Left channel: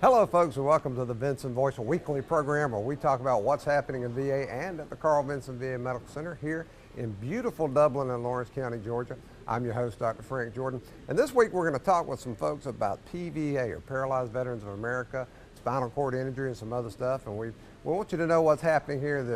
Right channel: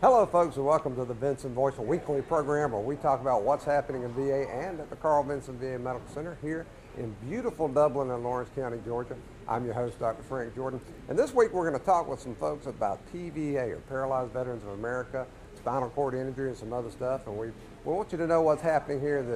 Hello folks and welcome to the Vinson Voice, a weekly program where we talk about what's happening in VA and at the Carl Vinson VA Medical Center here in beautiful Dublin and Lawrence County, Georgia. I'm your host, Dr. Frank Jordan, and this week we're going to talk with some folks about PVA, or Paralyzed Veterans of America, spinal cord injury and some other stuff, and we want you to know what's happening here at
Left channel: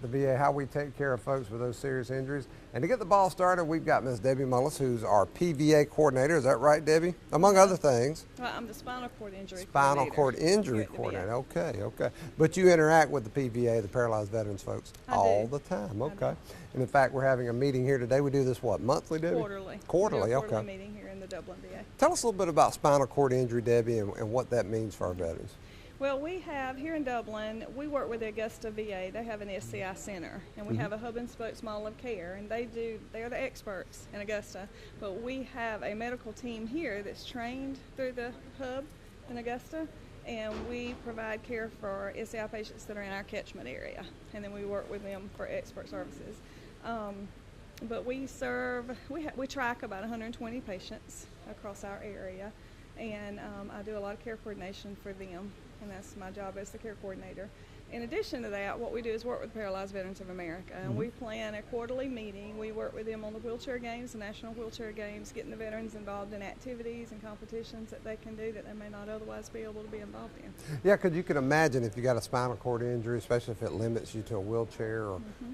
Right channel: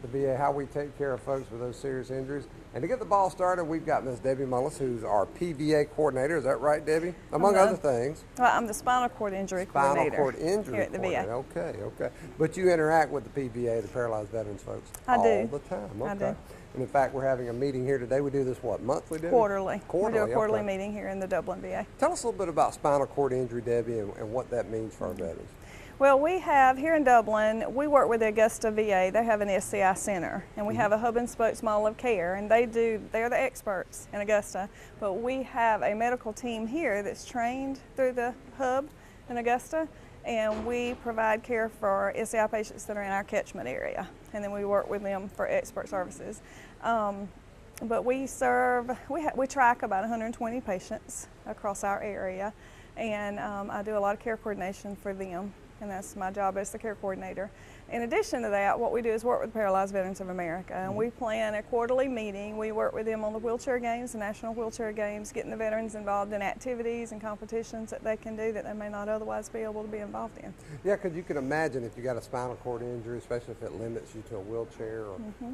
the VA, how we take care of folks with those serious injuries. And to get the ball started, we've got Ms. Debbie Mullis, who's our PVA coordinator. Is that right, Debbie? Among other things. Well, I'm the spinal cord injury coordinator. Spinal cord injury here at the VA. coordinator. Okay. But you interact with the PVA, the Paralyzed Veterans folks, all the time. Okay. I do. And in fact, we're having a meeting here today. We do this what, monthly, Debbie? Quarterly. Quarterly. We do a quarterly meeting here in the Dublin VA. Tell us a little bit about spinal cord injury, Debbie, and what that means for our veterans. Well, we have here in Dublin, we work with the Augusta VA. They have an SCI center, and we have a hub and spoke model of care, and they're the experts in Augusta. But we have a medical team here that's trained through the hub in Augusta, and we provide care for SCI patients that are in our catchment area, and then we work with them for expert services. But we track about 120 patients across our area, and I do a lot of care coordination for them. And that's my job as the care coordinator. In addition to that, what we do is work with Paralyzed Veterans of America, and we plan a quarterly meeting. We work with them on the wheelchair games, the national wheelchair games, getting the veterans involved in activities and competitions that they can do that they may not otherwise be able to be involved in. Yeah, because you can imagine if you got a spinal cord injury, especially if it limits you to a wheelchair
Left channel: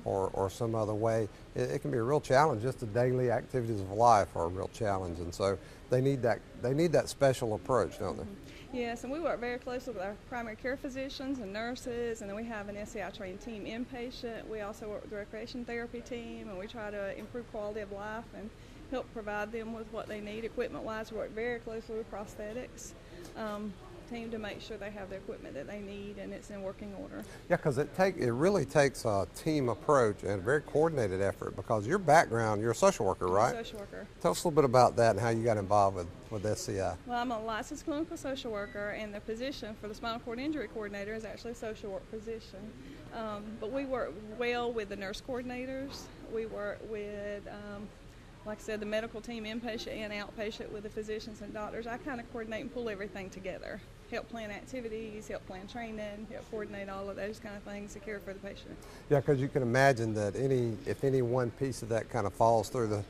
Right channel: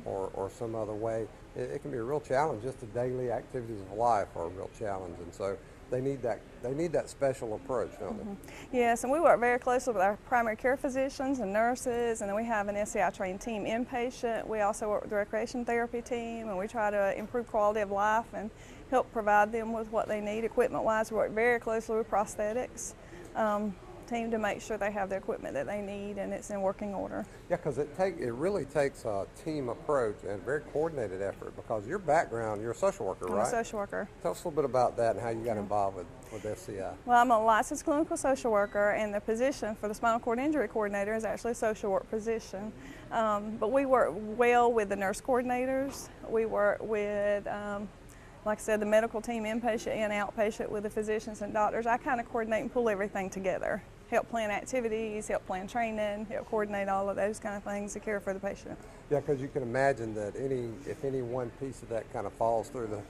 or some other way, it can be a real challenge. Just the daily activities of life are a real challenge, and so they need that special approach, don't they? Yes, and we work very closely with our primary care physicians and nurses, and then we have an SCI trained team inpatient. We also work with the recreation therapy team, and we try to improve quality of life and help provide them with what they need equipment-wise. We work very closely with prosthetics team to make sure they have the equipment that they need and it's in working order. Yeah, because it really takes a team approach and a very coordinated effort, because your background, you're a social worker, right? I'm a social worker. Tell us a little bit about that and how you got involved with SCI. Well, I'm a licensed clinical social worker, and the position for the spinal cord injury coordinator is actually a social work position. But we work well with the nurse coordinators. We work with like I said, the medical team, inpatient and outpatient, with the physicians and doctors. I kind of coordinate and pull everything together. Help plan activities, help plan training, help coordinate all of those kind of things to care for the patient. Yeah, because you can imagine that if any one piece of that kind of falls through the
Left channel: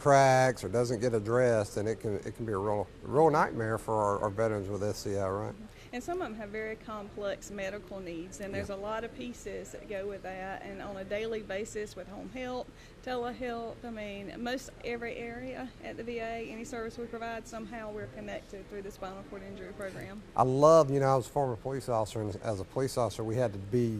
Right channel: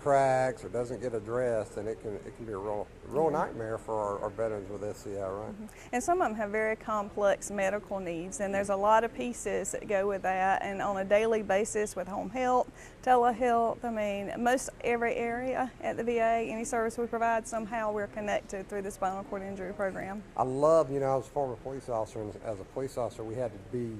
cracks or doesn't get addressed, and it can be a real nightmare for our veterans with SCI, right? And some of them have very complex medical needs, and there's a lot of pieces that go with that, and on a daily basis with home health, telehealth, I mean, most every area at the VA, any service we provide, somehow we're connected through the spinal cord injury program. I love, I was a former police officer, and as a police officer we had to be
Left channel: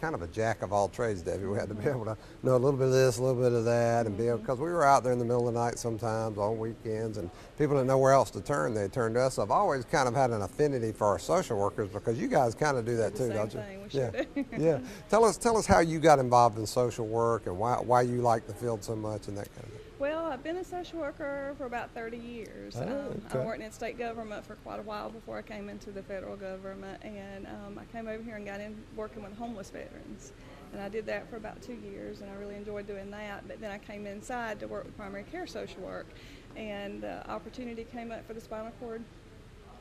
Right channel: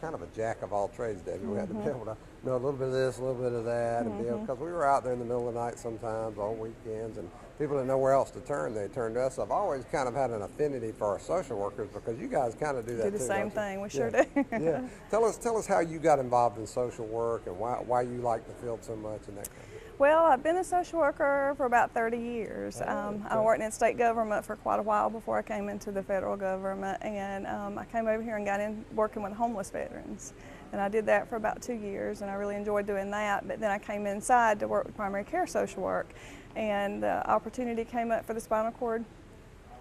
kind of a jack of all trades, Debbie. We had to be able to know a little bit of this, a little bit of that, and be able, because we were out there in the middle of the night sometimes on weekends, and people didn't know where else to turn. They turned to us. I've always kind of had an affinity for our social workers, because you guys kind of do that too. Do the same thing. We sure do. Yeah. Tell us how you got involved in social work and why you like the field so much and that kind of thing. Well, I've been a social worker for about 30 years. Okay. I worked in state government for quite a while before I came into the federal government, and I came over here and got in working with homeless veterans. And I did that for about 2 years, and I really enjoyed doing that. But then I came inside to work with primary care social work, and the opportunity came up for the spinal cord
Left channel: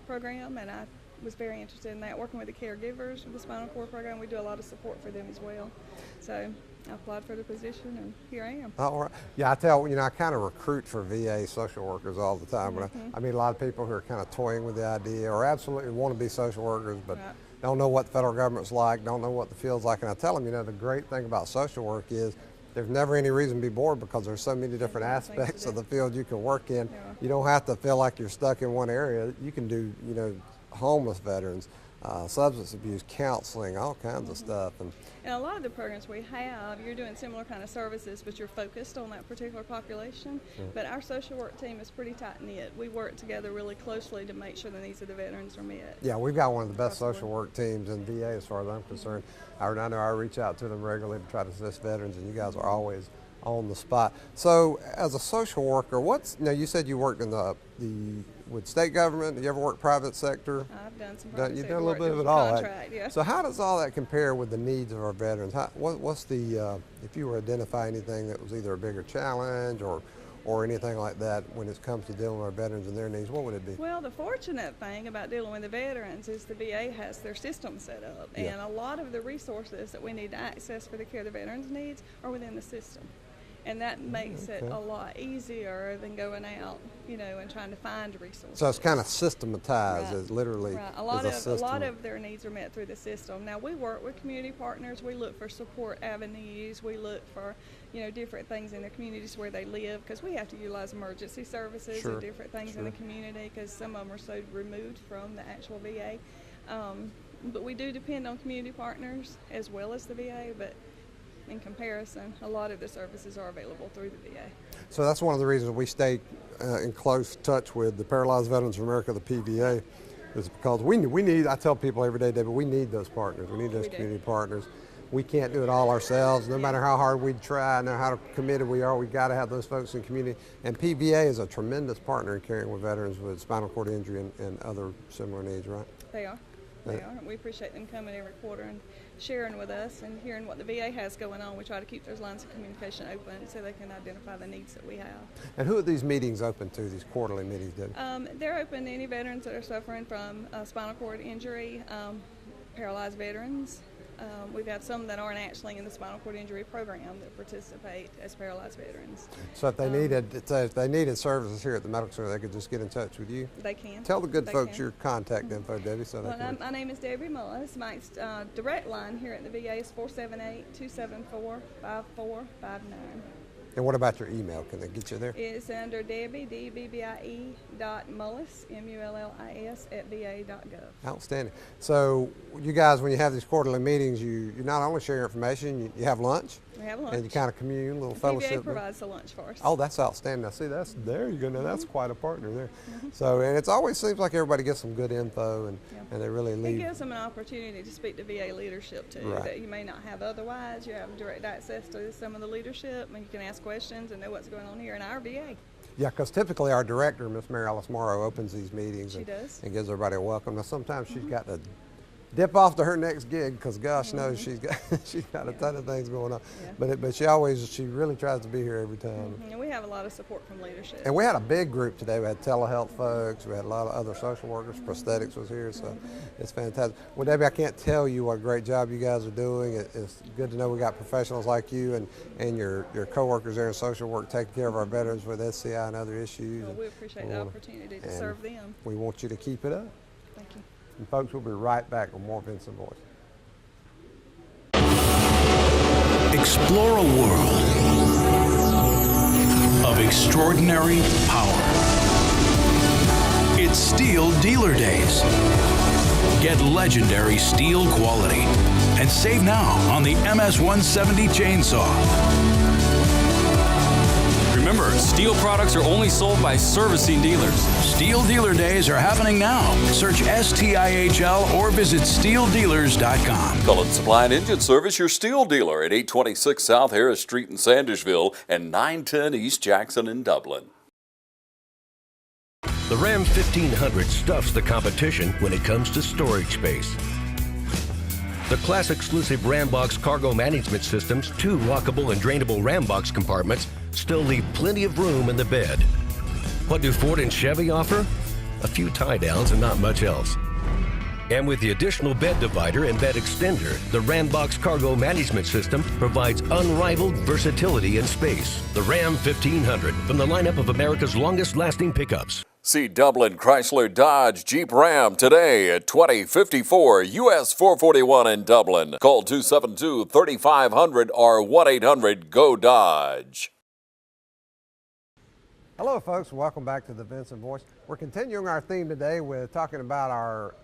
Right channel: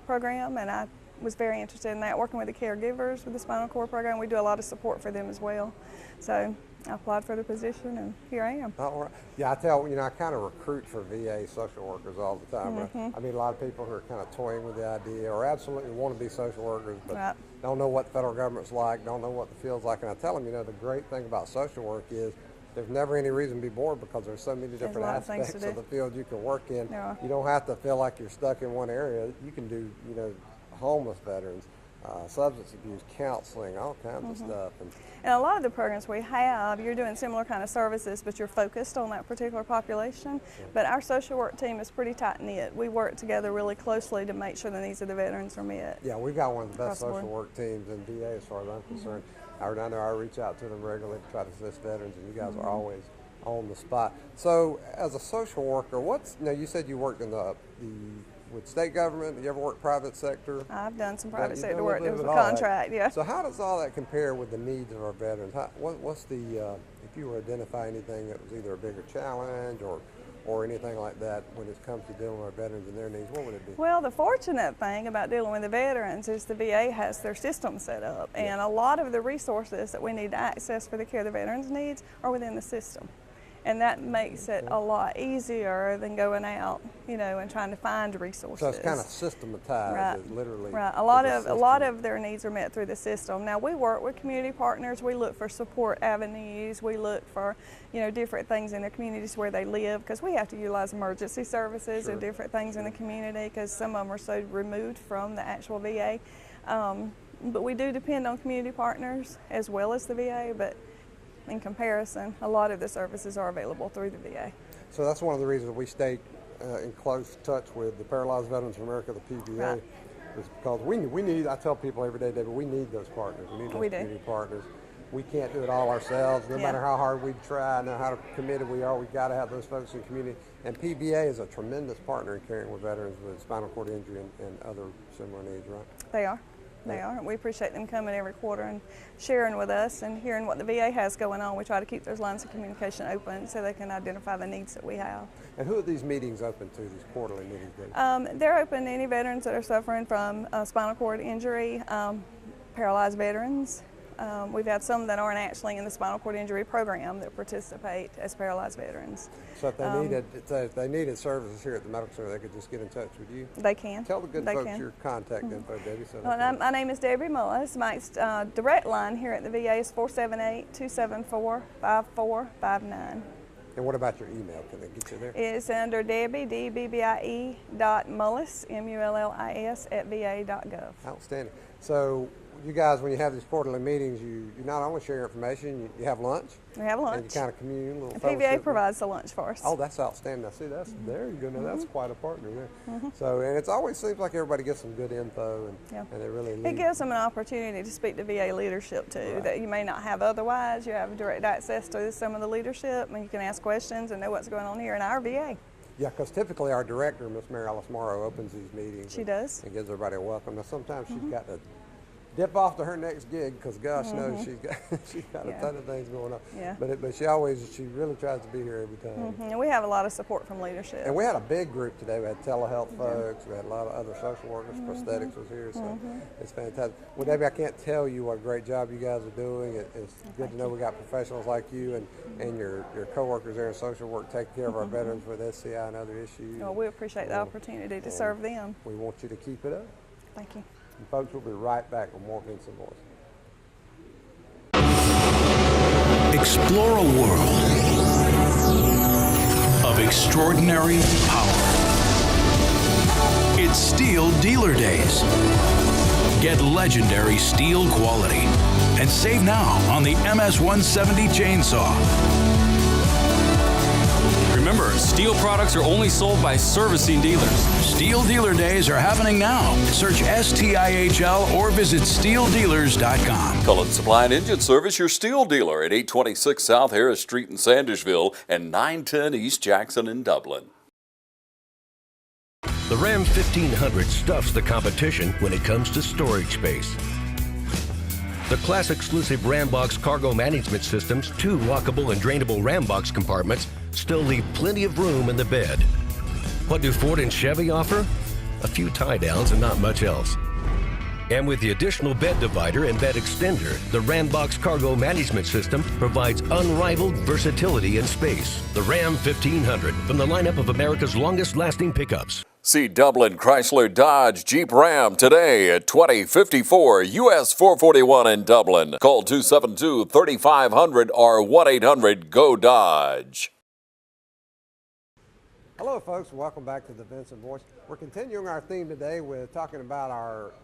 program, and I was very interested in that, working with the caregivers with the spinal cord program. We do a lot of support for them as well. So I applied for the position, and here I am. All right. Yeah, I kind of recruit for VA social workers all the time. But I meet a lot of people who are kind of toying with the idea or absolutely want to be social workers, but don't know what the federal government's like, don't know what the field's like. And I tell them, the great thing about social work is there's never any reason to be bored, because there's so many different aspects of the field you can work in. Yeah. You don't have to feel like you're stuck in one area. You can do, homeless veterans, substance abuse, counseling, all kinds of stuff. And a lot of the programs we have, you're doing similar kind of services, but you're focused on that particular population. But our social work team is pretty tight-knit. We work together really closely to make sure the needs of the veterans are met. Yeah, we've got one of the best social work teams in VA as far as I'm concerned. I know I reach out to them regularly to try to assist veterans, and you guys are always on the spot. So as a social worker, you said you worked in with state government. Did you ever work private sector? I've done some private sector done work. It was a all contract, yeah. So how does all that compare with the needs of our veterans? What's the, if you were to identify anything that was either a bigger challenge or anything like that when it comes to dealing with our veterans and their needs, what would it be? Well, the fortunate thing about dealing with the veterans is the VA has their system set up, and a lot of the resources that we need to access for the care the veterans needs are within the system. And that makes it a lot easier than going out, and trying to find resources. So it's kind of systematized, Right. It literally. Right. A lot of their needs are met through the system. Now we work with community partners. We look for support avenues. We look for, different things in the communities where they live, because we have to utilize emergency services and different things in the community, because some of them are so removed from the actual VA. But we do depend on community partners as well as the VA. But in comparison, a lot of the services are available through the VA. So that's one of the reasons we stay in close touch with the Paralyzed Veterans of America, the PVA, Right. is because we need, I tell people every day, David, we need those partners. We need those community partners. We can't do it all ourselves. No matter how hard we try, no how committed we are, we got to have those folks in the community. And PVA is a tremendous partner in caring with veterans with spinal cord injury and other similar needs, right? They are. They are. We appreciate them coming every quarter and sharing with us and hearing what the VA has going on. We try to keep those lines of communication open so they can identify the needs that we have. And who are these meetings open to, these quarterly meetings, David? They're open to any veterans that are suffering from spinal cord injury, paralyzed veterans. We've had some that aren't actually in the spinal cord injury program that participate as paralyzed veterans. So if they needed services here at the Medical Center, they could just get in touch with you? They can. Tell the good folks your contact info, Debbie. So my name is Debbie Mullis. My direct line here at the VA is 478-274-5459. And what about your email? Can they get you there? It's under Debbie, DBBIE.Mullis, MULLIS, @VA.gov. Outstanding. So you guys, when you have these quarterly meetings, you not only share information, you have lunch. We have lunch. And you kind of commune, a little The fellowship. PVA provides the lunch for us. Oh, that's outstanding. Now, see, there you go. Now, that's quite a partner there. So, and it always seems like everybody gets some good info, and they really lead. It gives them an opportunity to speak to VA leadership too, that you may not have otherwise. You have direct access to some of the leadership, and you can ask questions and know what's going on here in our VA. Yeah, because typically our director, Miss Mary Alice Morrow, opens these meetings. She does. And gives everybody a welcome. Now, sometimes she's got to dip off to her next gig because gosh knows she's got a ton of things going on. Yeah. But she really tries to be here every time. And we have a lot of support from leadership. And we had a big group today. We had telehealth folks. We had a lot of other social workers. Prosthetics was here, so it's fantastic. Well, Debbie, I can't tell you what a great job you guys are doing. It's good to know we got professionals like you and your coworkers there in social work taking care of our veterans with SCI and other issues. Well, we appreciate the opportunity to serve them. We want you to keep it up. Thank you. And folks, we'll be right back with more Vinson Voice. Explore a world of extraordinary power. It's Steel Dealer Days. Get legendary steel quality and save now on the MS-170 chainsaw. Remember, steel products are only sold by servicing dealers. Steel Dealer Days are happening now. Search STIHL or visit steeldealers.com. Cullen Supply and Engine Service, your steel dealer at 826 South Harris Street in Sandishville and 910 East Jackson in Dublin. The Ram 1500 stuffs the competition when it comes to storage space. The class-exclusive Rambox cargo management system's 2 lockable and drainable Rambox compartments still leave plenty of room in the bed. What do Ford and Chevy offer? A few tie-downs and not much else. And with the additional bed divider and bed extender, the Rambox cargo management system provides unrivaled versatility and space. The Ram 1500 from the lineup of America's longest-lasting pickups. See Dublin Chrysler Dodge Jeep Ram today at 2054 US 441 in Dublin. Call 272-3500 or 1-800-GO-DODGE. Hello, folks. Welcome back to the Vinson Voice. We're continuing our theme today with talking about our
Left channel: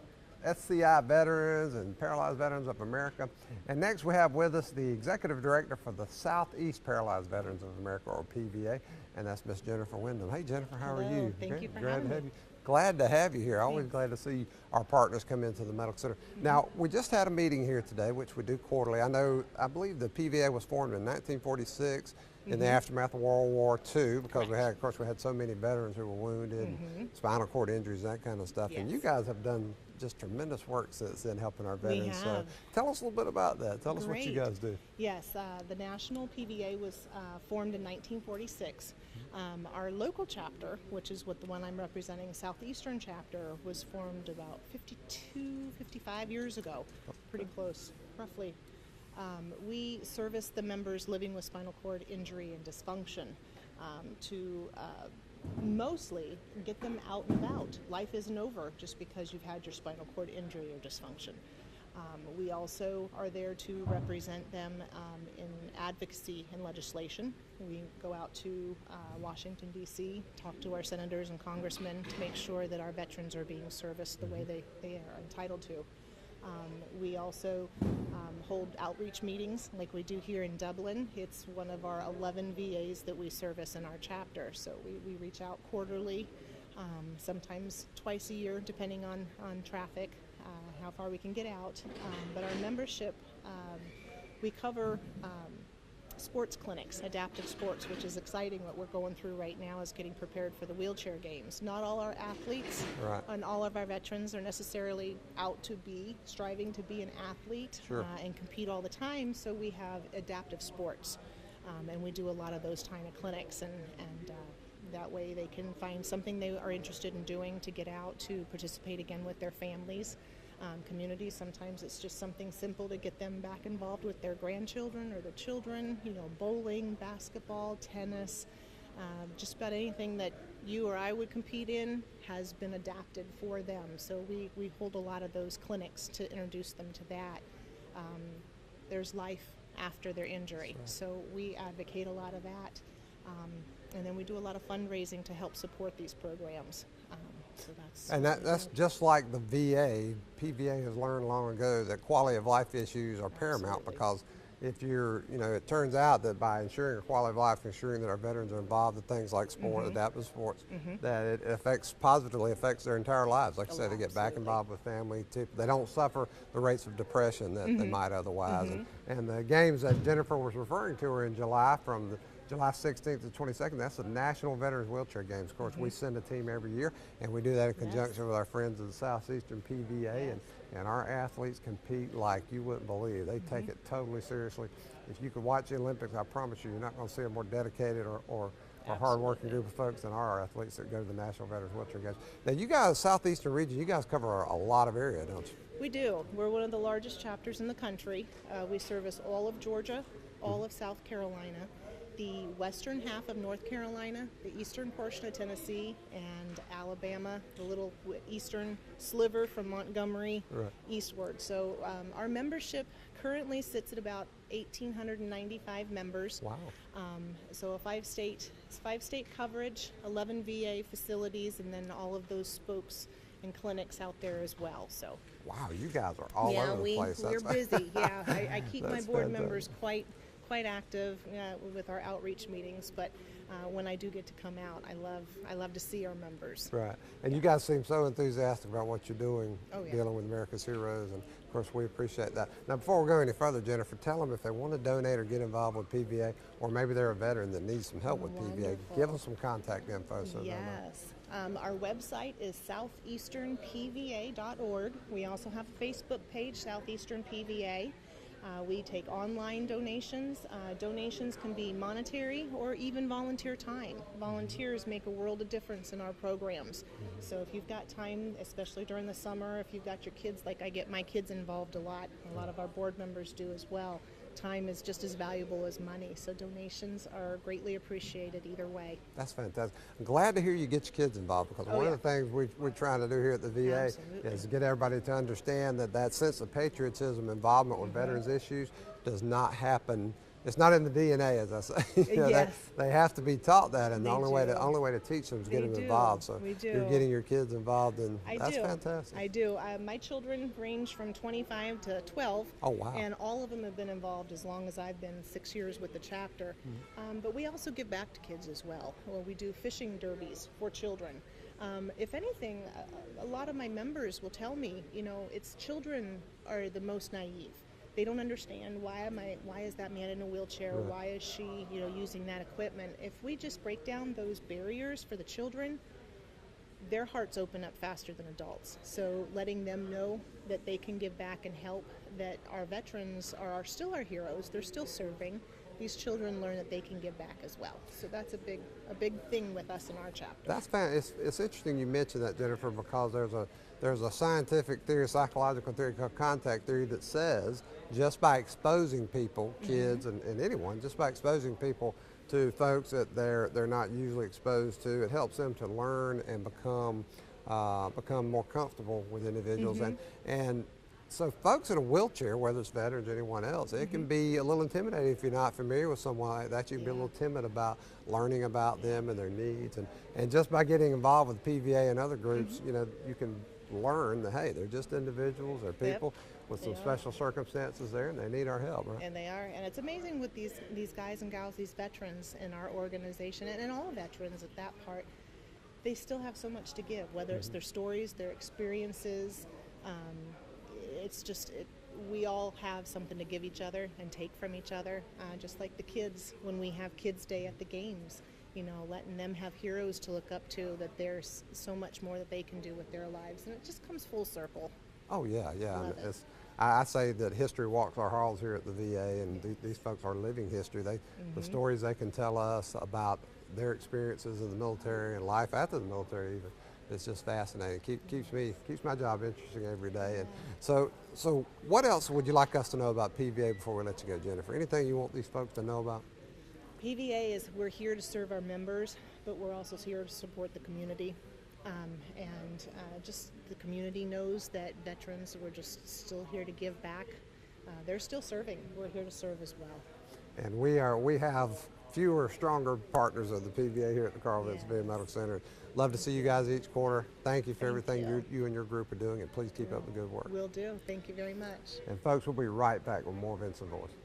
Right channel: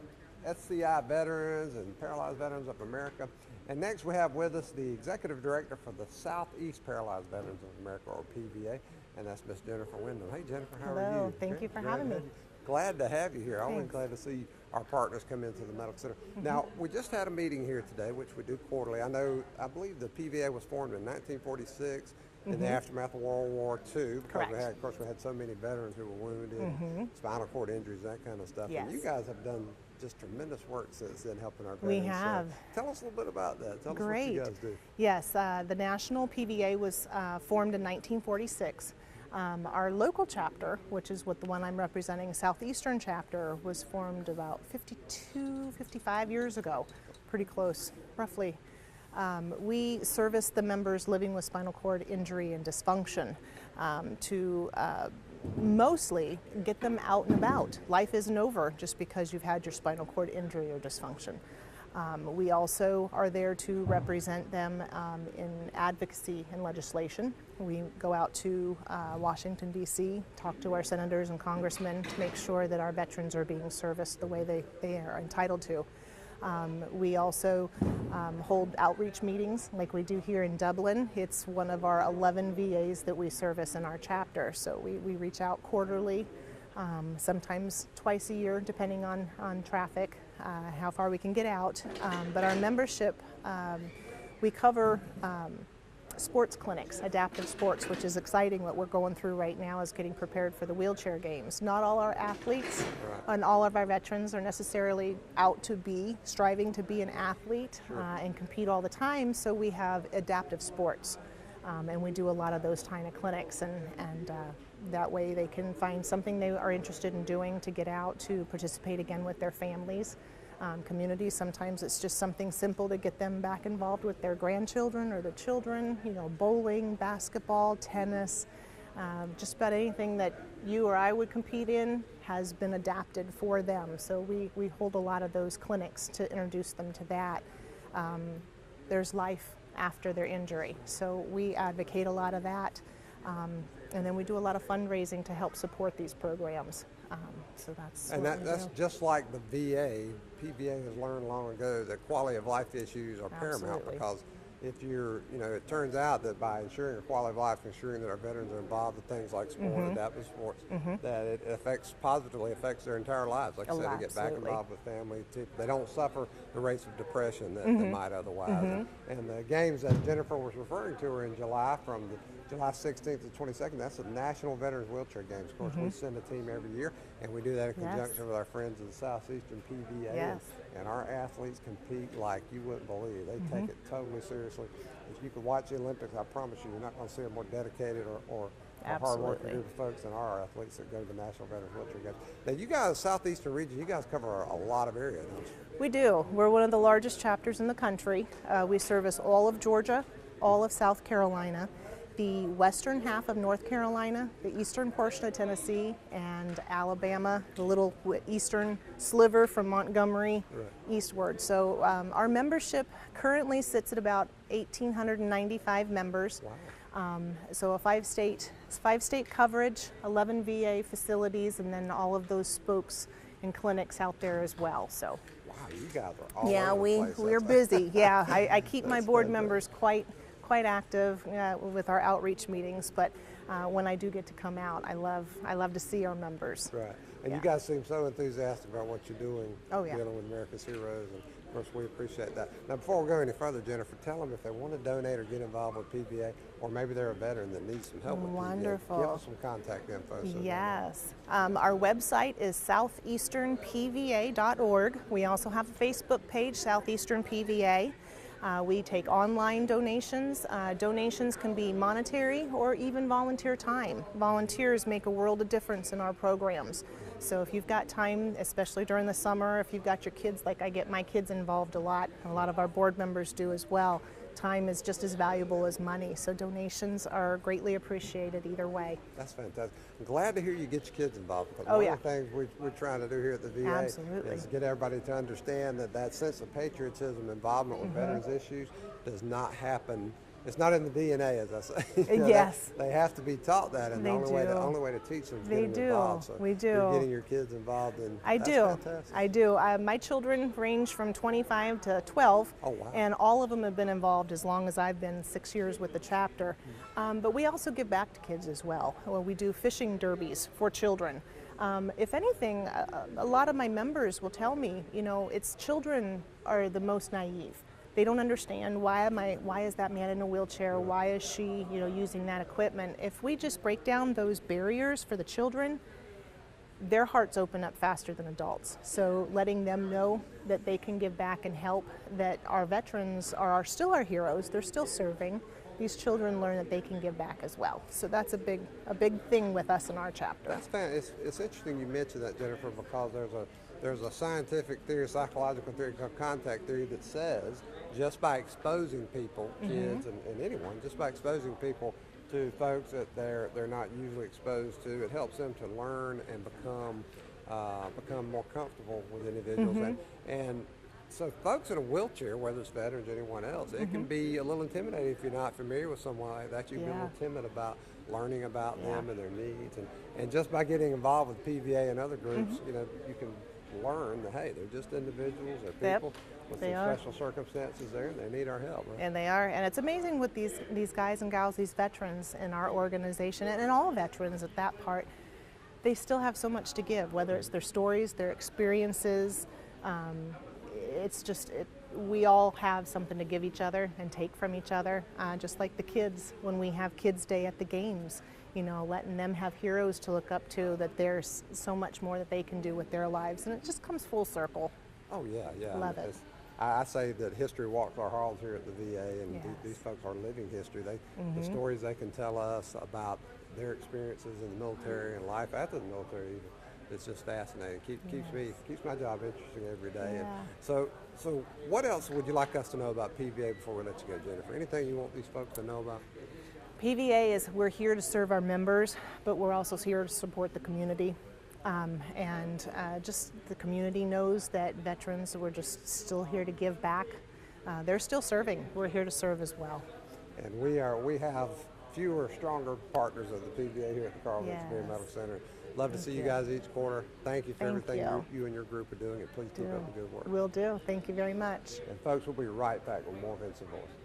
SCI veterans and Paralyzed Veterans of America. And next we have with us the Executive Director for the Southeast Paralyzed Veterans of America, or PVA, and that's Miss Jennifer Wyndham. Hey, Jennifer, how are you? Thank you for Glad having to me. have you. Glad to have you here. Always glad to see our partners come into the Medical Center. Now, we just had a meeting here today, which we do quarterly. I believe the PVA was formed in 1946 in the aftermath of World War II, because we had so many veterans who were wounded, spinal cord injuries, that kind of stuff. Yes. And you guys have done just tremendous work since then helping our veterans. We have. So tell us a little bit about that. Tell us what you guys do. Yes, the National PVA was formed in 1946. Our local chapter, which is what the one I'm representing, Southeastern chapter, was formed about 55 years ago, pretty close, roughly. We service the members living with spinal cord injury and dysfunction to mostly get them out and about. Life isn't over just because you've had your spinal cord injury or dysfunction. We also are there to represent them in advocacy and legislation. We go out to Washington, D.C., talk to our senators and congressmen to make sure that our veterans are being serviced the way they are entitled to. We also hold outreach meetings like we do here in Dublin. It's one of our 11 VAs that we service in our chapter. So we reach out quarterly, sometimes twice a year, depending on traffic, how far we can get out. But our membership, we cover sports clinics, adaptive sports, which is exciting. What we're going through right now is getting prepared for the wheelchair games. Not all our athletes and all of our veterans are necessarily out to be striving to be an athlete and compete all the time, so we have adaptive sports. And we do a lot of those kind of clinics, and that way they can find something they are interested in doing to get out to participate again with their families. Communities, sometimes it's just something simple to get them back involved with their grandchildren or their children, bowling, basketball, tennis, just about anything that you or I would compete in has been adapted for them. So we hold a lot of those clinics to introduce them to that. There's life after their injury, so we advocate a lot of that. And then we do a lot of fundraising to help support these programs. So that's just like the VA. PVA has learned long ago that quality of life issues are paramount, because if you're, it turns out that by ensuring quality of life, ensuring that our veterans are involved in things like sport, adaptive sports, that it positively affects their entire lives. Like I said, they get back involved with family. They don't suffer the rates of depression that they might otherwise. And the games that Jennifer was referring to are in July, from July 16th to 22nd. That's the National Veterans Wheelchair Games. Of course, we send a team every year, and we do that in conjunction with our friends at the Southeastern PVA. And our athletes compete like you wouldn't believe. They take it totally seriously. If you could watch the Olympics, I promise you're not going to see a more dedicated or hard-working group of folks than our athletes that go to the National Veterans Wheelchair Games. Now, you guys, Southeastern region, you guys cover a lot of area, don't you? We do. We're one of the largest chapters in the country. We service all of Georgia, all of South Carolina, the western half of North Carolina, the eastern portion of Tennessee, and Alabama, the little eastern sliver from Montgomery eastward. So our membership currently sits at about 1,895 members. Wow. So a five-state coverage, 11 VA facilities, and then all of those spokes and clinics out there as well. So. Wow, you guys are all over the place. We're busy. Yeah, I keep my board members quite active with our outreach meetings, but when I do get to come out, I love to see our members. Right, and you guys seem so enthusiastic about what you're doing, dealing with America's heroes, and of course we appreciate that. Now, before we go any further, Jennifer, tell them if they want to donate or get involved with PVA, or maybe they're a veteran that needs some help with PVA. Give us some contact info. Yes, our website is southeasternpva.org. We also have a Facebook page, Southeastern PVA. We take online donations. Donations can be monetary or even volunteer time. Volunteers make a world of difference in our programs. So if you've got time, especially during the summer, if you've got your kids, like I get my kids involved a lot of our board members do as well, time is just as valuable as money. So donations are greatly appreciated either way. That's fantastic. I'm glad to hear you get your kids involved, because one of the things we're trying to do here at the VA is get everybody to understand that sense of patriotism, involvement with veterans issues does not happen. It's not in the DNA, as I say. They have to be taught that, and the only way to teach them is get them involved. So you're getting your kids involved, and that's fantastic. I do. My children range from 25 to 12, and all of them have been involved as long as I've been 6 years with the chapter. But we also give back to kids as well. We do fishing derbies for children. If anything, a lot of my members will tell me, it's children are the most naive. They don't understand why is that man in a wheelchair? Why is she, using that equipment? If we just break down those barriers for the children, their hearts open up faster than adults. So letting them know that they can give back and help, that our veterans are still our heroes. They're still serving. these children learn that they can give back as well. So that's a big thing with us in our chapter. That's fantastic. It's interesting you mentioned that, Jennifer, because there's a scientific theory, psychological theory called contact theory that says just by exposing people, kids and anyone, just by exposing people to folks that they're not usually exposed to, it helps them to learn and become more comfortable with individuals. And so folks in a wheelchair, whether it's veterans or anyone else, it can be a little intimidating if you're not familiar with someone like that. You can be a little timid about learning about them and their needs. And just by getting involved with PVA and other groups, you know, you can learn that, hey, they're just individuals or people with some special circumstances there, and they need our help. Right? And they are. And it's amazing with these guys and gals, these veterans in our organization, and all veterans at that part, they still have so much to give, whether it's their stories, their experiences. It's just, we all have something to give each other and take from each other, just like the kids when we have Kids Day at the games, you know, letting them have heroes to look up to, that there's so much more that they can do with their lives, and it just comes full circle. Oh yeah, yeah. Love it. I say that history walks our halls here at the VA, and these folks are living history. The stories they can tell us about their experiences in the military and life after the military even, it's just fascinating. Keeps my job interesting every day. And so what else would you like us to know about PVA before we let you go, Jennifer? Anything you want these folks to know about? PVA is, we're here to serve our members, but we're also here to support the community. Just the community knows that veterans, we're just still here to give back. They're still serving. We're here to serve as well. And we have fewer, stronger partners of the PVA here at the Carl Vinson Medical Center. Love to see you guys each quarter. Thank you for everything you and your group are doing, and please keep up the good work. Will do. Thank you very much. And folks, we'll be right back with more Vinson Voice.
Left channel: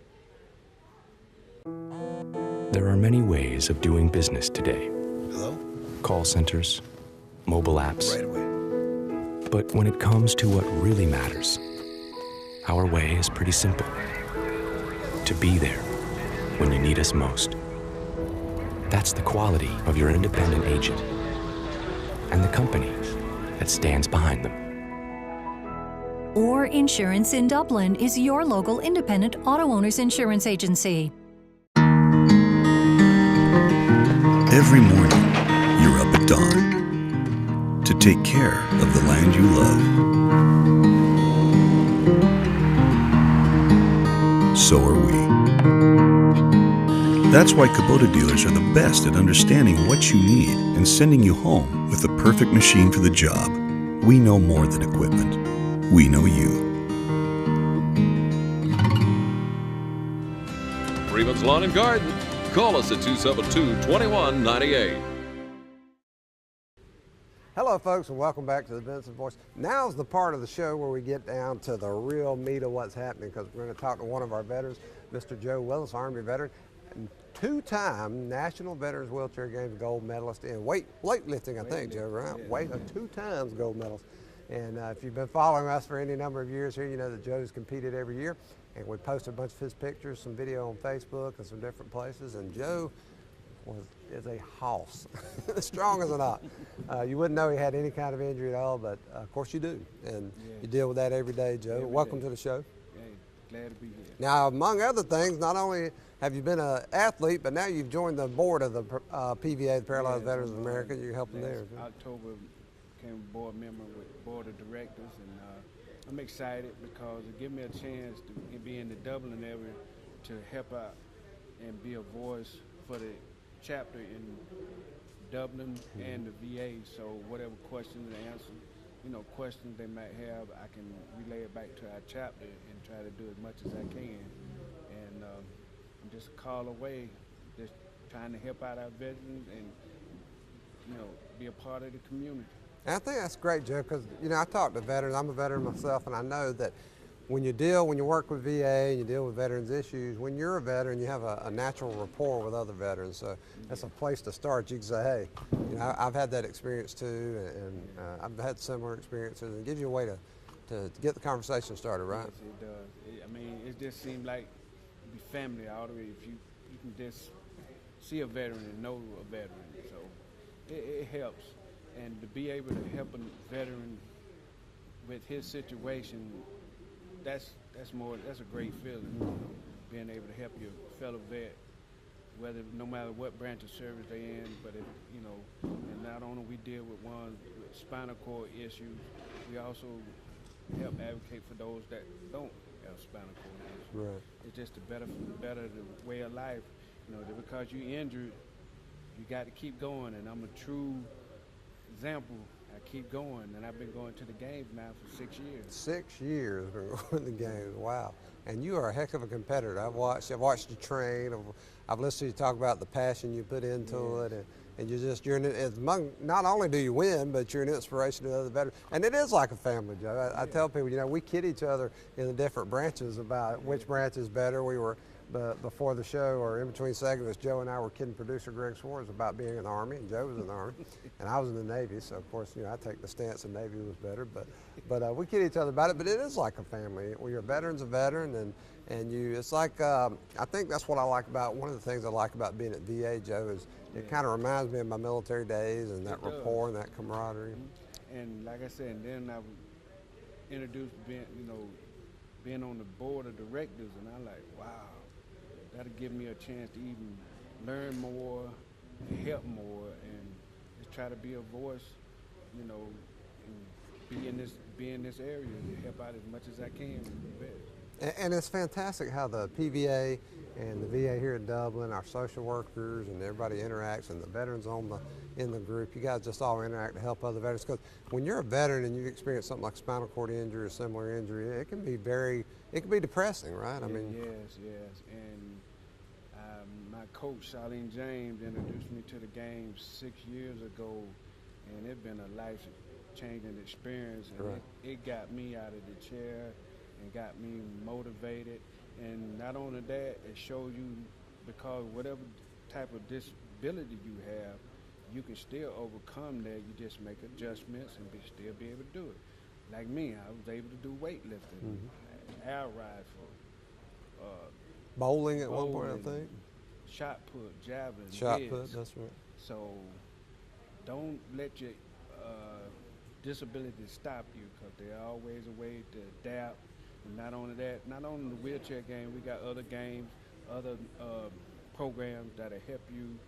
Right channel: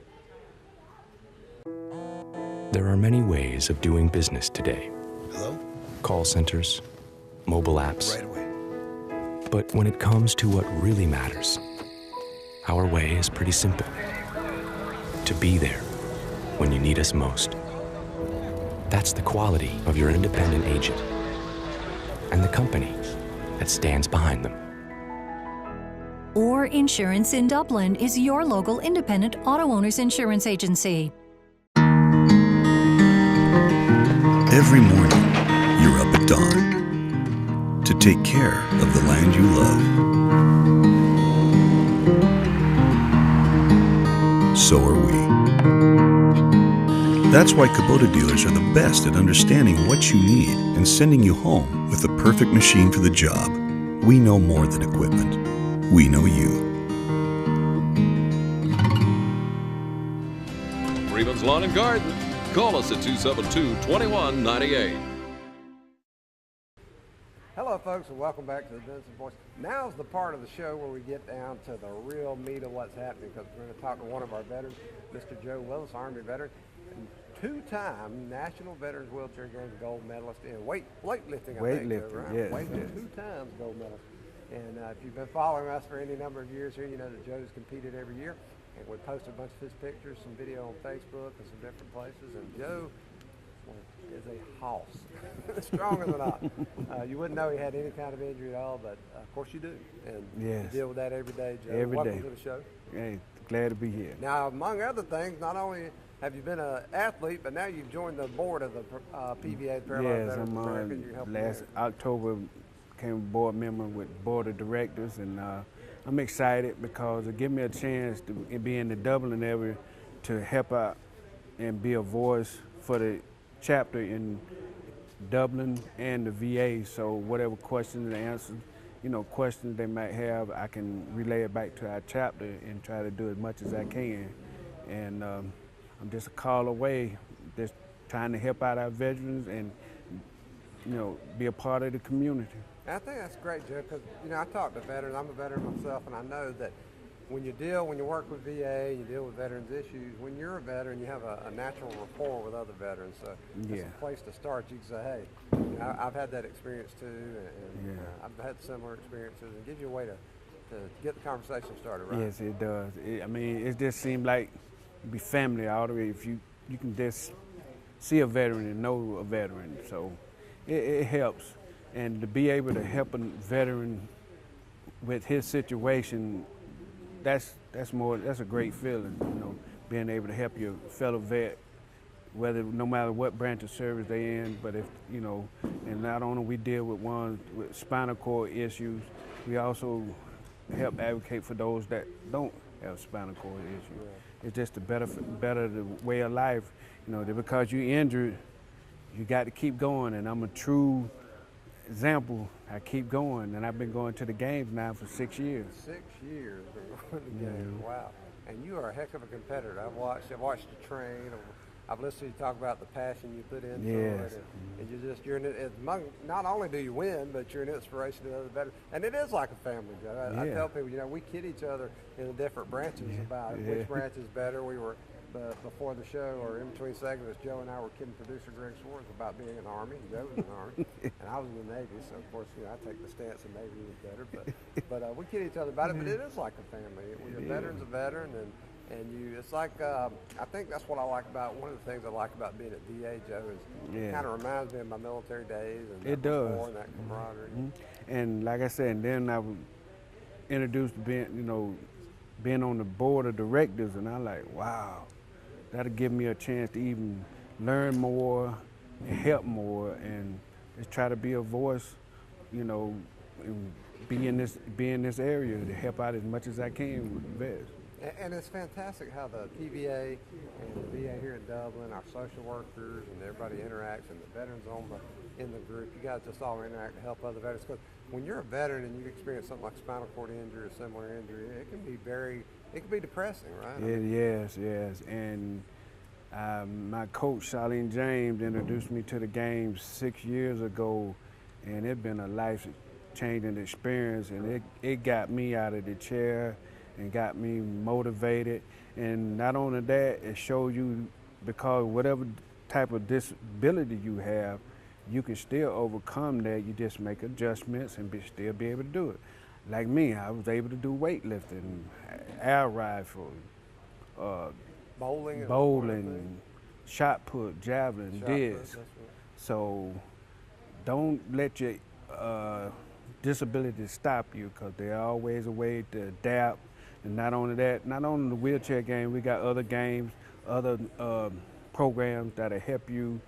There are many ways of doing business today. Hello? Call centers, mobile apps. Right away. But when it comes to what really matters, our way is pretty simple. To be there when you need us most. That's the quality of your independent agent and the company that stands behind them. Orr Insurance in Dublin is your local independent auto owners insurance agency. Every morning, you're up at dawn to take care of the land you love. So are we. That's why Kubota dealers are the best at understanding what you need and sending you home with the perfect machine for the job. We know more than equipment. We know you. Freeman's Lawn and Garden. Call us at 272-2198. Hello, folks, and welcome back to the Vinson Voice. Now's the part of the show where we get down to the real meat of what's happening, because we're going to talk to one of our veterans, Mr. Joe Willis, Army veteran, two-time National Veterans Wheelchair Games gold medalist in weightlifting, I think, Joe, right? Yeah. 2 times gold medalist. And if you've been following us for any number of years here, you know that Joe's competed every year. And we posted a bunch of his pictures, some video on Facebook and some different places. And Joe is a hoss, strong as an ox. You wouldn't know he had any kind of injury at all, but of course you do. And you deal with that every day, Joe. Welcome to the show. Hey, glad to be here. Now, among other things, not only have you been an athlete, but now you've joined the board of the PVA, the Paralyzed Veterans of America. You helped last October, became a board member with board of directors, and I'm excited because it gives me a chance to be in the Dublin area to help out and be a voice for the chapter in Dublin and the VA. So whatever questions and answers, questions they might have, I can relay it back to our chapter and try to do as much as I can. And I'm just a call away, just trying to help out our veterans and, be a part of the community. And I think that's great, Joe, because, I talk to veterans. I'm a veteran myself, and I know that when you work with VA and you deal with veterans issues, when you're a veteran, you have a natural rapport with other veterans. So that's a place to start. You can say, hey, I've had that experience too, and I've had similar experiences, and it gives you a way to get the conversation started, right? Yes, it does. It just seems like be family all the way. If you can just see a veteran and know a veteran, so it helps. And to be able to help a veteran with his situation, that's a great feeling, being able to help your fellow vet whether no matter what branch of service they in. But if you know, and not only we deal with ones with spinal cord issues, we also help advocate for those that don't have spinal cord issues. Right. It's just a better the way of life. You know, that because you injured, you got to keep going. And I'm a true example. I keep going, and I've been going to the games now for 6 years. 6 years been going to the game. Wow. And you are a heck of a competitor. I've watched you train. I've listened to you talk about the passion you put into it, and not only do you win, but you're an inspiration to other veterans. And it is like a family, Joe. I tell people, we kid each other in the different branches about which branch is better. We were before the show, or in between segments, Joe and I were kidding producer Greg Swartz about being in the Army, and Joe was in the Army, and I was in the Navy. So of course, I take the stance the Navy was better, but we kid each other about it. But it is like a family. When you're a veteran's a veteran, and it's like, I think that's what I like about, one of the things I like about being at VA, Joe, is it kind of reminds me of my military days and that rapport and that camaraderie. And like I said, and then I was introduced to being on the board of directors, and I'm like, wow, that'll give me a chance to even learn more and help more, and just try to be a voice, and be in this area to help out as much as I can with the vets. And it's fantastic how the PVA and the VA here in Dublin, our social workers and everybody interacts, and the veterans in the group, you guys just all interact to help other veterans. Because when you're a veteran and you experience something like spinal cord injury or similar injury, it can be depressing, right? Yes. And my coach, Charlene James, introduced me to the game 6 years ago, and it's been a life-changing experience, and it got me out of the chair and got me motivated. And not only that, it shows you, because whatever type of disability you have, you can still overcome that. You just make adjustments and still be able to do it. Like me, I was able to do weightlifting, air rifle, bowling, shot put, javelin, disc. That's right. So don't let your disability stop you, because there's always a way to adapt. And not only that, not only the wheelchair game, we got other games, other programs that'll help you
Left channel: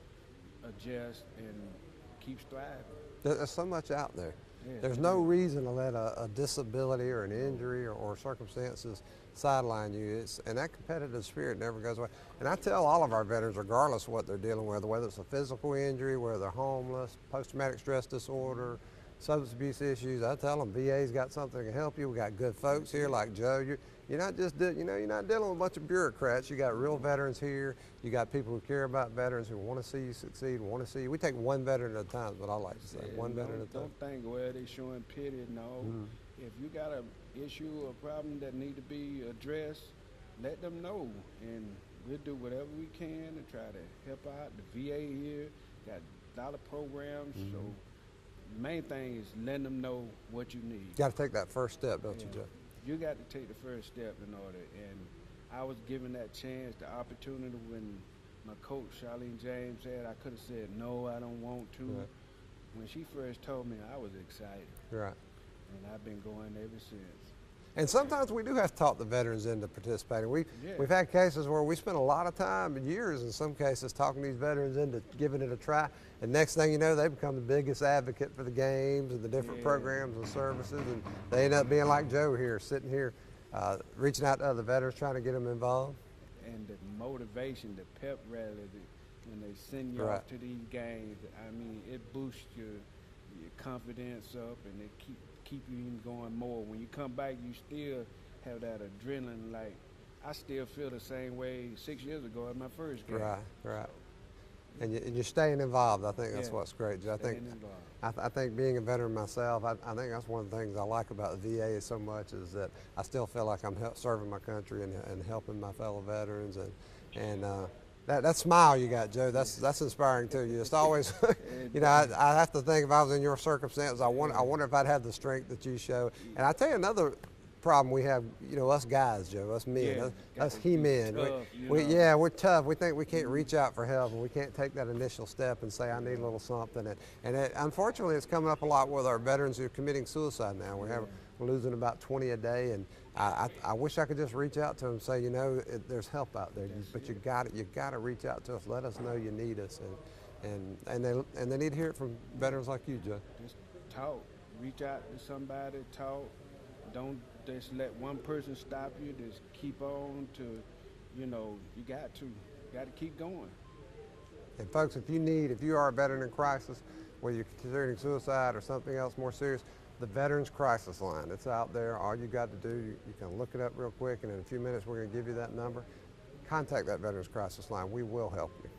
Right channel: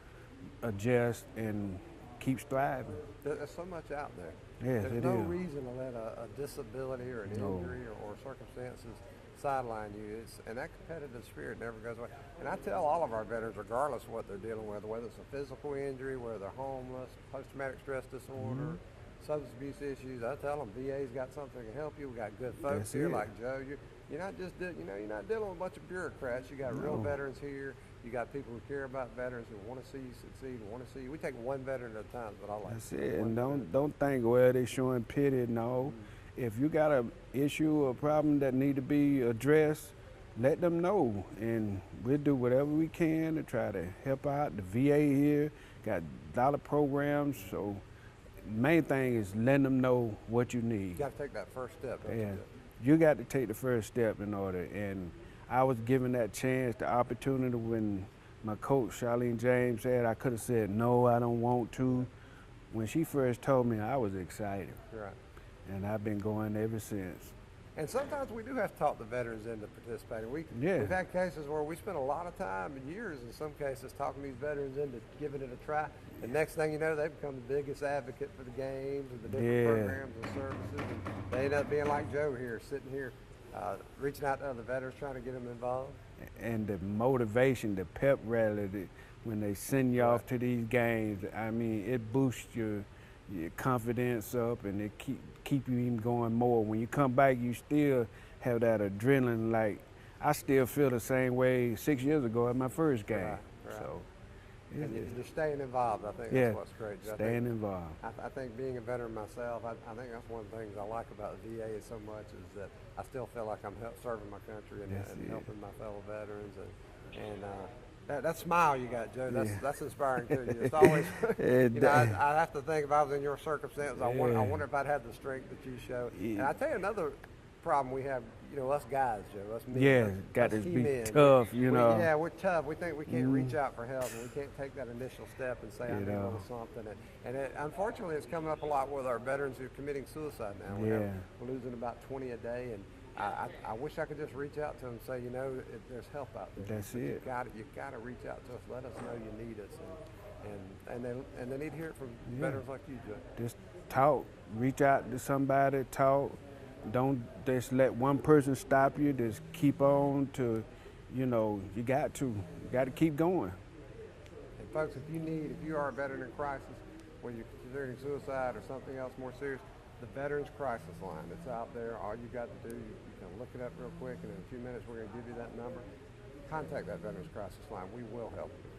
adjust and keep striving. There's so much out there. Yes, There's no reason to let a disability or an injury or circumstances sideline you. And that competitive spirit never goes away. And I tell all of our veterans, regardless of what they're dealing with, whether it's a physical injury, whether they're homeless, post-traumatic stress disorder, substance abuse issues, I tell them VA's got something to help you. We got good folks here like Joe. You're not just you're not dealing with a bunch of bureaucrats. You got real veterans here. You got people who care about veterans, who want to see you succeed, want to see you. We take one veteran at a time, but I like to see and don't think, well, they showing pity. No, if you got an issue or problem that need to be addressed, let them know, and we'll do whatever we can to try to help out. The VA here got a lot of programs, so the main thing is letting them know what you need. You got to take that first step, don't you, Jeff? You got to take the first step in order. And I was given that chance, the opportunity, when my coach, Charlene James, said I could have said, no, I don't want to. Right. When she first told me, I was excited. Right. And I've been going ever since. And sometimes we do have to talk the veterans into participating. We've had cases where we spent a lot of time, years in some cases, talking these veterans into giving it a try. And next thing you know, they become the biggest advocate for the games and the different programs and services. And they end up being like Joe here, sitting here, reaching out to other veterans, trying to get them involved. And the motivation, the pep rally, when they send you off to these games, I mean, it boosts your confidence up, and it keep you even going more. When you come back, you still have that adrenaline. Like, I still feel the same way 6 years ago at my first game. Right. So, and you're staying involved. I think that's what's great, Joe. Staying involved. I think being a veteran myself, I think that's one of the things I like about the VA so much, is that I still feel like I'm serving my country and helping my fellow veterans. And that smile you got, Joe, that's inspiring too. It's always, I have to think, if I was in your circumstances, I wonder if I'd have the strength that you show. And I tell you another problem we have, us guys, Joe, us men, us he-men. Tough, we're tough. We think we can't reach out for help, and we can't take that initial step and say, I need a little something. And unfortunately, it's coming up a lot with our veterans who are committing suicide now. We're losing about 20 a day, I wish I could just reach out to them and say, you know, there's help out there. That's but it. you've got to reach out to us. Let us know you need us, and they need to hear it from veterans like you, Joe. Just talk. Reach out to somebody. Talk. Don't just let one person stop you. Just keep on to, you know, you got to keep going. And folks, if you are a veteran in crisis, whether you're considering suicide or something else more serious, the Veterans Crisis Line, it's out there. All you got to do, you can look it up real quick, and in a few minutes we're going to give you that number. Contact that Veterans Crisis Line. We will help you.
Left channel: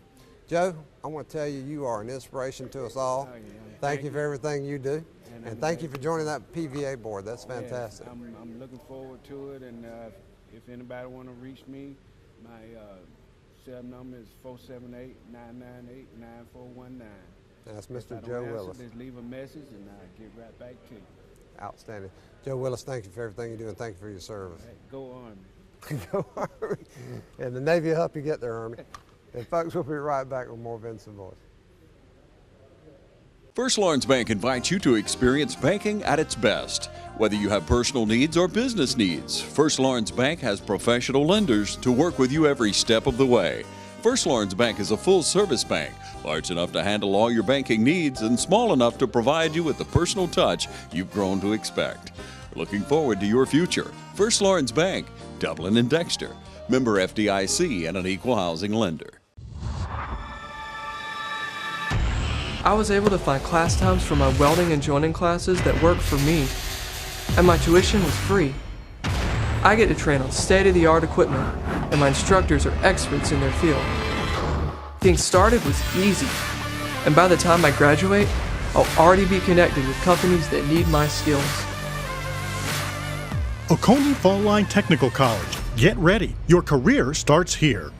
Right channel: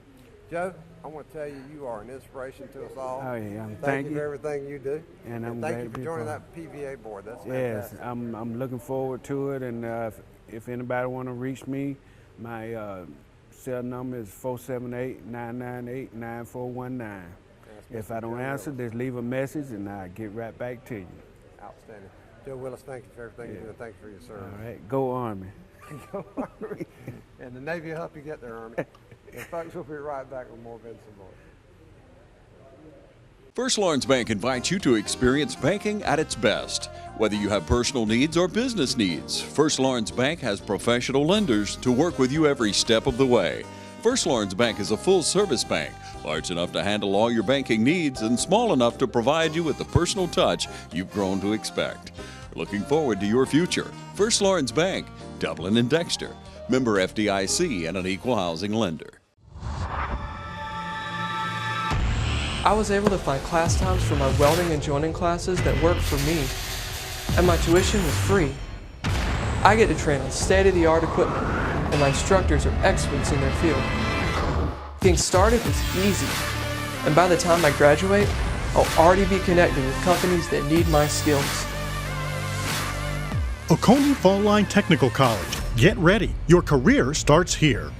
Joe, I want to tell you, you are an inspiration to us all. Oh, yeah. Thank you for everything you do. And thank you for joining that PVA board. That's fantastic. Yes, I'm looking forward to it, and if anybody want to reach me, my cell number is 478-998-9419. If I don't answer, just leave a message and I'll get right back to you. Outstanding. Joe Willis, thank you for everything you do, and thank you for your service. All right, go Army. Go Army. And the Navy will help you get there, Army. And folks, we'll be right back with more Vinson Voice. First Lawrence Bank invites you to experience banking at its best. Whether you have personal needs or business needs, First Lawrence Bank has professional lenders to work with you every step of the way. First Lawrence Bank is a full-service bank, large enough to handle all your banking needs and small enough to provide you with the personal touch you've grown to expect. We're looking forward to your future. First Lawrence Bank, Dublin and Dexter. Member FDIC and an equal housing lender. I was able to find class times for my welding and joining classes that worked for me, and my tuition was free. I get to train on state-of-the-art equipment, and my instructors are experts in their field. Getting started was easy, and by the time I graduate, I'll already be connected with companies that need my skills. Oconee Fall Line Technical College. Get ready. Your career starts here.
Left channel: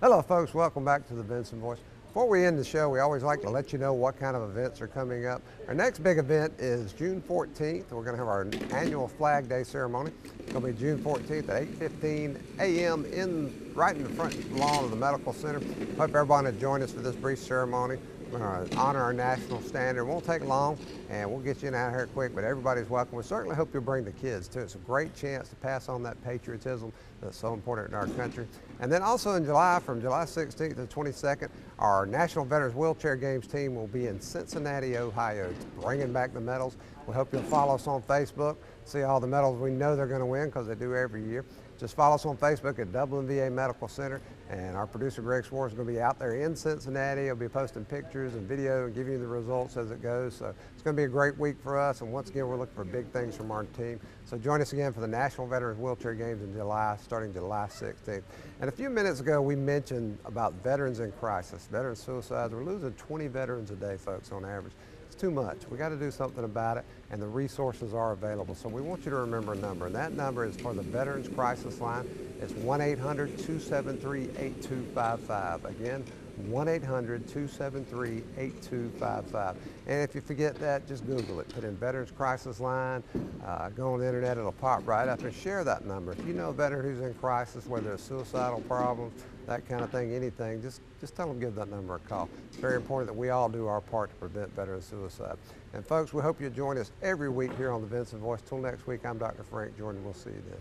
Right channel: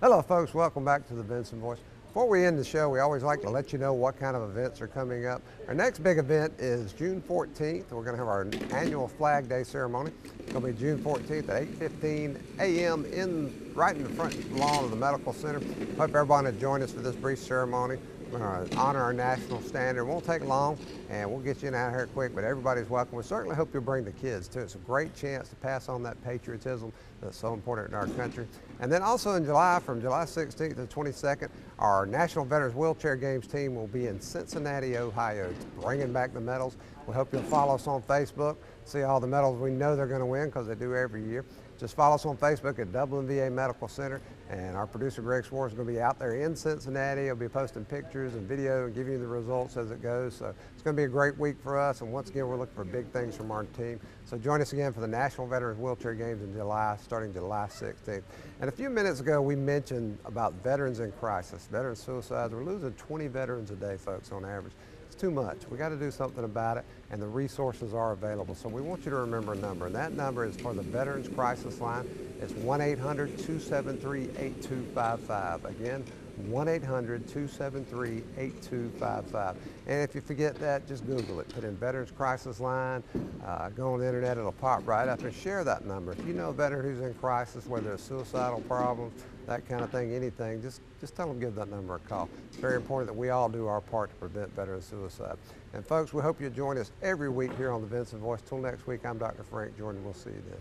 Hello, folks. Welcome back to the Vinson Voice. Before we end the show, we always like to let you know what kind of events are coming up. Our next big event is June 14th. We're going to have our annual Flag Day ceremony. It's going to be June 14th at 8:15 a.m. right in the front lawn of the Medical Center. Hope everyone will join us for this brief ceremony. We're going to honor our national standard. It won't take long, and we'll get you in out here quick, but everybody's welcome. We certainly hope you'll bring the kids, too. It's a great chance to pass on that patriotism that's so important in our country. And then also in July, from July 16th to 22nd, our National Veterans Wheelchair Games team will be in Cincinnati, Ohio, bringing back the medals. We hope you'll follow us on Facebook, see all the medals we know they're going to win because they do every year. Just follow us on Facebook at Dublin VA Medical Center, and our producer Greg Swartz is going to be out there in Cincinnati. He'll be posting pictures and video and giving you the results as it goes. So it's going to be a great week for us, and once again, we're looking for big things from our team. So join us again for the National Veterans Wheelchair Games in July, starting July 16th. And a few minutes ago, we mentioned about veterans in crisis, veteran suicides. We're losing 20 veterans a day, folks, on average. Too much. We got to do something about it, and the resources are available. So we want you to remember a number, and that number is for the Veterans Crisis Line. It's 1-800-273-8255. Again, 1-800-273-8255. And if you forget that, just Google it. Put in Veterans Crisis Line, go on the internet, it'll pop right up, and share that number. If you know a veteran who's in crisis, whether it's suicidal problems, that kind of thing, anything, just tell them to give that number a call. It's very important that we all do our part to prevent veteran suicide. And folks, we hope you join us every week here on the Vinson Voice. Till next week, I'm Dr. Frank Jordan. We'll see you then.